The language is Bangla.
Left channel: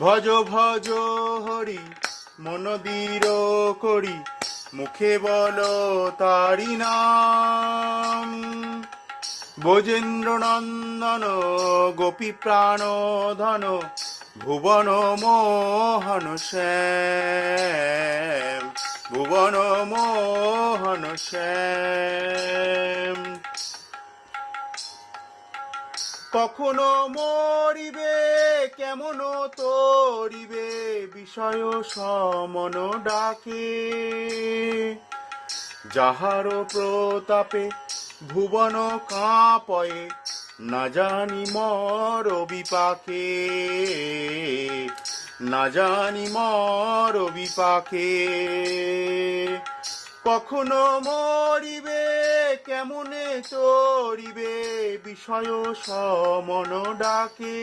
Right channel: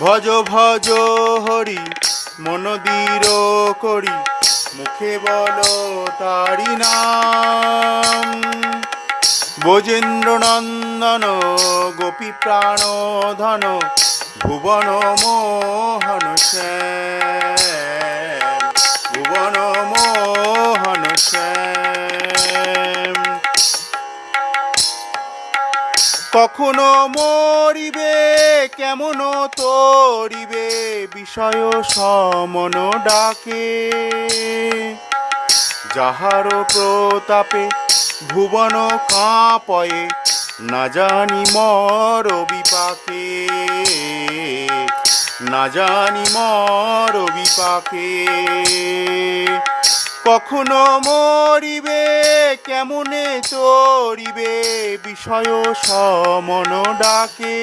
ভজ ভজ হরি মন দৃঢ় করি, মুখে বল তারি নাম। ব্রজেন্দ্র নন্দন গোপী প্রাণ ধন, ভুবন মোহন শ্যাম, ভুবন মোহন শ্যাম। কখনো মরিবে কেমন তরিবে, বিষয় সমন ডাকে। যাহার প্রতাপে ভুবন কাঁপয়ে, না জানি মর বিপাকে, না জানি মর বিপাকে। কখনো মরিবে কেমনে চরিবে, বিষয় সমন ডাকে।